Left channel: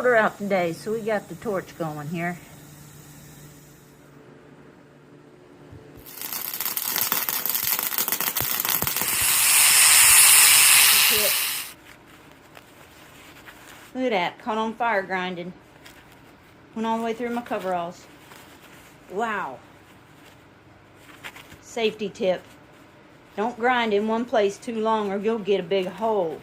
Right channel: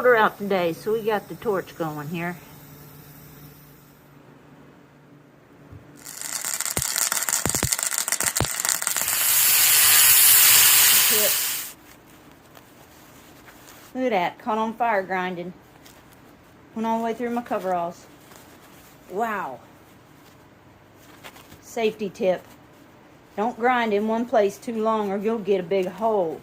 Order out today, so we got the torch going here. Look at that, caught on fire grinding. Went all the way through my coveralls. Wow. Safety tip. Don't grind in one place too long or you'll get a big hole.